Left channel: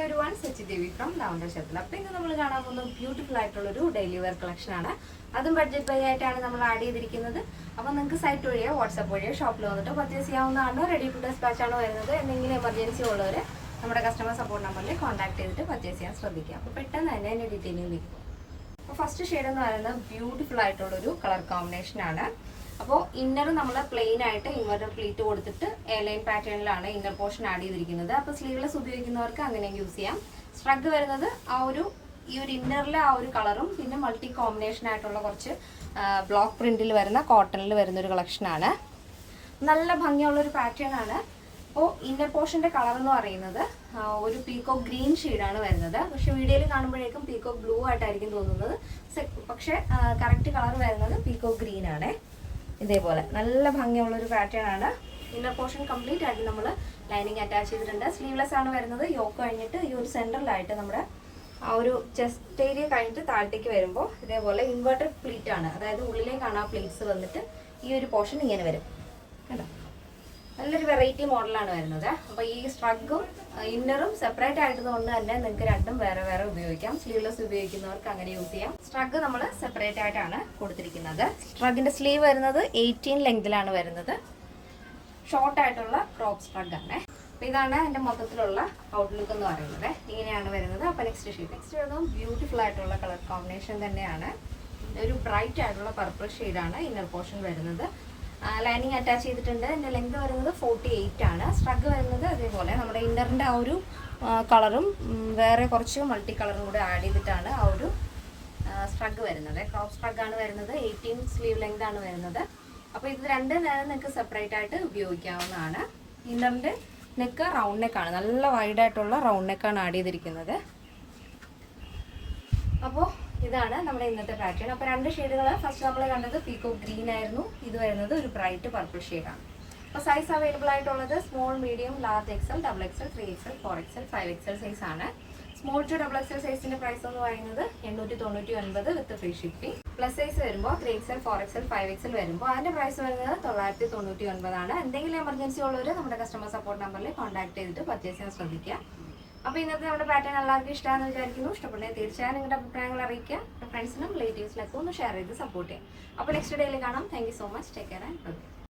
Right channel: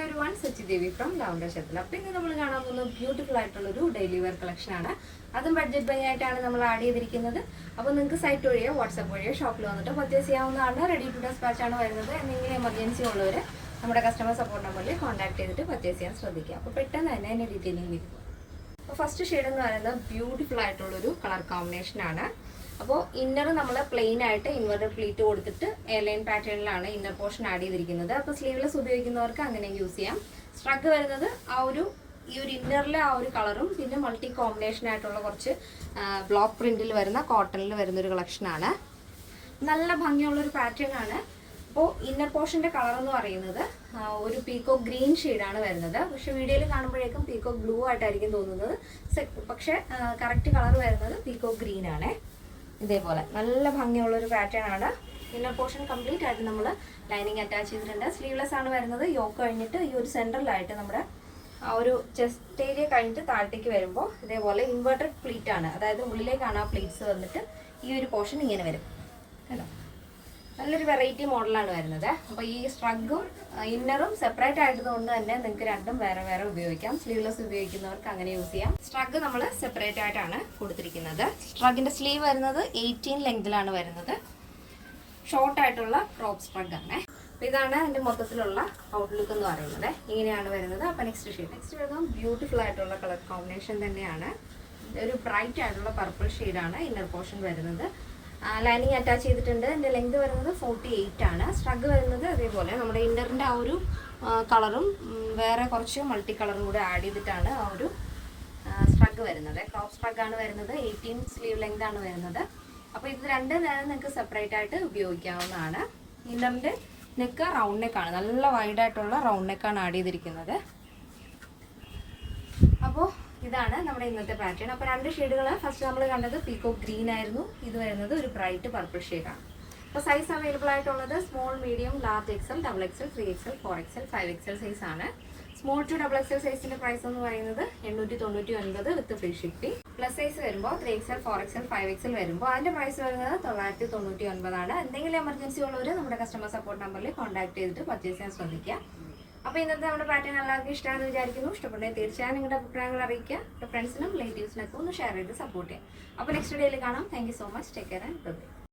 Hi ഒരു വൺ Sachi Devi from lavender ഷത്തിൽ. അപ്പോൾ ഇന്ന് നമ്മൾ കാണാൻ പോകുന്ന ബ്യൂട്ടിഫുൾ ആയിട്ടുള്ളൊരു ഡെയിലി വെയർ കളക്ഷനാണ്. അതും ബഡ്ജറ്റ് ബൈ ആയിട്ടാണ് നമ്മൾ ആഡ് ചെയ്തിരിക്കുന്നത്. അപ്പോൾ നിങ്ങൾക്ക് സൈറ്റ് വഴിയോ വാട്സാപ്പ് വഴിയോ ഷോപ്പിൽ വന്നിട്ട് പർച്ചേസ് ചെയ്യാവുന്നതാണ്. റെഡി ടു ഡെസ്പാച്ച് ആണ് വരുന്നത്. എന്തെങ്കിലും എമർജൻസി ഉള്ളവർ നമ്മുടെ കസ്റ്റമർ സപ്പോർട്ട് നമ്പറിൽ കോൺടാക്ട് ചെയ്തിട്ട് പർച്ചേസ് ചെയ്യാൻ ശ്രദ്ധിക്കുക. അപ്പോൾ പെട്ടെന്ന് തന്നെ അതിൻ്റെ ഡീറ്റെയിലിംഗ് വരും. അപ്പോൾ ഫസ്റ്റ് ഷെയ്ഡ് എന്ന് പറയുന്നത് ബ്യൂട്ടിഫുൾ ആയിട്ടുള്ളൊരു കളർ കോമ്പിനേഷനാണ്. അപ്പോൾ ഇന്നർ നമ്മൾ പ്ലെയിൻ ആയിട്ട് ഇൻവെർട്ടർ പ്ലീറ്റ് കൊടുത്തിട്ട് എയർലൈൻ പാറ്റേണിലാണ് ഇന്നർ പോർഷൻ ആഡ് ചെയ്തിരിക്കുന്നത്. അപ്പോൾ സ്ലീവ്ലെസ് ഉപയോഗിക്കുന്നവർക്ക് അങ്ങനെ യൂസ് ചെയ്യാം. സ്ട്രഗ് വരുന്നത് ഈ ഒരു ഇന്നറിലെ ആ ഒരു കളറും പിന്നെ മൾട്ടി കോമ്പിനേഷൻ ആയിട്ടുള്ള കുറച്ച് ബ്ലോക്ക് പ്രിന്റിൽ വരുന്ന കോട്ടണിൽ വരുന്ന ഒരു കളക്ഷനാണ്. നല്ല ഭംഗിയുള്ളൊരു പാറ്റേൺ ആണ്. അപ്പോൾ ഇന്നർ പോർഷൻ്റെ കളർ എന്ന് പറയുന്നത് ഒരു പീക്കോ ഗ്രീൻ ഷെയ്ഡാണ് വരുന്നത്. പക്ഷെ വീഡിയോയിൽ കാണുമ്പോഴേക്കും പീക്കോ ബ്ലൂ ആയിട്ടായിരിക്കും തോന്നുന്നത്. പക്ഷെ കറക്റ്റ് കളർ വരുന്നത് പീക്കോ ഗ്രീൻ ആണ്. ഇതേപോലെ നല്ല ഭംഗിയുള്ളൊരു പാറ്റേൺ ആണ്. ഇന്നർ പോർഷൻ കംപ്ലീറ്റ് ആയിട്ട് നമ്മൾ ലൈനിങ് അറ്റാച്ച് ചെയ്തിട്ടുണ്ട്. സ്ലീവ്ലെസ് ആണ് വരുന്നത്. യോക്ക് കഴിഞ്ഞിട്ട് ഈ ഒരു സെൻട്രലായിട്ട് നമ്മുടെ ആ ഒരു ചെസ്റ്റ് ഏരിയ കഴിഞ്ഞിട്ട് താഴത്തേക്ക് വരുമ്പോൾ ഇതേപോലെ ഇൻവെർട്ടഡ് പ്ലീറ്റ് ആണ്. അതായത് ഉള്ളിലേക്കാണ് ആ പ്ലീറ്റ്സ് വന്നിട്ട് ഈ ഒരു പോർഷൻ ഇങ്ങനെ വരും. കണ്ടോ, നല്ലൊരു വെറൈറ്റി മോഡലാണ് വരുന്നത്. അപ്പോൾ ഈ സ്ട്രഗും ഇന്നറും സെപ്പറേറ്റ് ആയതുകൊണ്ട് തന്നെ നിങ്ങൾക്ക് രണ്ടും വേറെ വേറെ ഉപയോഗിക്കാം. സ്ലീവ്ലെസ് ഉപയോഗിക്കുന്നവർക്ക് അങ്ങനെ യൂസ് ചെയ്യാം. സ്ട്രഗ് നമ്മൾ സെപ്പറേറ്റ് ആയിട്ടാണ് കൊടുത്തിരിക്കുന്നത്. സ്ട്രഗിന്റെ സ്ലീവ് വരുന്നത് 18 ലെങ്തിലാണ് വരുന്നത്. ഷോർട്ട് ആയിട്ടുള്ള ക്രോപ്പ് സ്ട്രഗ് ആണ്. അപ്പോൾ ഇതാണ് എൻ്റെ മൊത്തത്തിലുള്ള ഔട്ട്ലുക്ക് എന്ന് പറയുന്നത്. ഇങ്ങനെയാണ് വരുന്നത്. അപ്പോൾ നെക്സ്റ്റ് വരുന്നത് ബ്യൂട്ടിഫുൾ ആയിട്ടുള്ള കളർ കോമ്പിനേഷൻ തന്നെയാണ്. ഒരു ബ്രൈറ്റ് ആയിട്ടുള്ള പർപ്പിൾ ഷെയ്ഡാണ് ഇന്നർ പോർഷൻ വരുന്നത്. ലൈനിങ് അറ്റാച്ച് ചെയ്തിട്ടുണ്ട്. എൻ്റെ ലെങ്ത് വരുന്നത് 48 ആണ്. സ്ട്രഗ് വരുന്നത് അതേപോലെ നമ്മുടെ ഇന്നറിൻ്റെ ആ ഒരു കളറും വേറെ കുറച്ച് മൾട്ടി കളറും കൂടെ ആഡ് ചെയ്തിട്ടാണ് ആ ഒരു സ്ട്രഗ് വരുന്നത്. ക്രോപ്പ് സ്ട്രഗ് ആണ് വരുന്നത്. 18 സ്ലീവ് ലെങ്ത് ആണ് വരുന്നത്. അപ്പോൾ ഇത് രണ്ട് നേരം നിങ്ങൾക്ക് സെപ്പറേറ്റ് ആയിട്ട് ഉപയോഗിക്കാവുന്നതാണ്. ഇന്നറിൻ്റെ നെക്ക് റൗണ്ട് നെക്കാണ്. നല്ല വൈഡായിട്ടുള്ള റൗണ്ട് നെക്കാണ് ആഡ് ചെയ്തിരിക്കുന്നത്. അപ്പോൾ ഇതാണ് നമ്മുടെ ഇന്നത്തെ പാറ്റേൺ. അപ്പോൾ രണ്ട് ഷെയ്ഡുകൾ ഫസ്റ്റ് നമ്മൾ കണ്ടത് പീക്കോ ഗ്രീൻ ആയിരുന്നു. ഇത് വരുന്നത് ഒരു ബ്രൈറ്റ് പർപ്പിൾ ഷെയ്ഡാണ്. അപ്പോൾ സൈസ് അവൈലബിൾ ആയിട്ടുള്ളത് small, medium, large XL, double XL, 3XL, 4XL, 5XL size ആണ്. സ്മോൾ ടു ഡബിൾ എക്സൽ സൈസിന്റെ പ്രൈസ് എന്ന് പറയുന്നത് 899 with free shipping. Plus size വരുമ്പോൾ 3XL, 4XL, 5XL വരുമ്പോൾ അതിന്റെ പ്രൈസ് വരുന്നത് 999 ആണ്. എന്തെങ്കിലും എമർജൻസി ഉള്ളവർ നമ്മുടെ കസ്റ്റമർ സപ്പോർട്ട് നമ്പറിൽ കോൺടാക്ട് ചെയ്തിട്ട് പർച്ചേസ് ചെയ്യാൻ ശ്രദ്ധിക്കുക. അപ്പോൾ ഇന്നത്തെ നമ്മുടെ പാറ്റേൺ എല്ലാവർക്കും ഇഷ്ടമാണെന്ന് വിചാരിക്കുന്നു. ഇഷ്ടപ്പെടുന്നത് തീർച്ചയായും നിങ്ങളുടെ അഭിപ്രായങ്ങൾ അറിയിക്കുക. ഫ്രണ്ട്സിനും റിലേറ്റീവ്സിനൊക്കെ ഒന്ന് ഷെയർ ചെയ്ത് സപ്പോർട്ട് ചെയ്യാം. അപ്പോൾ നെക്സ്റ്റ് ഡേയിൽ കാണാം. Thank you so much. Take care and by.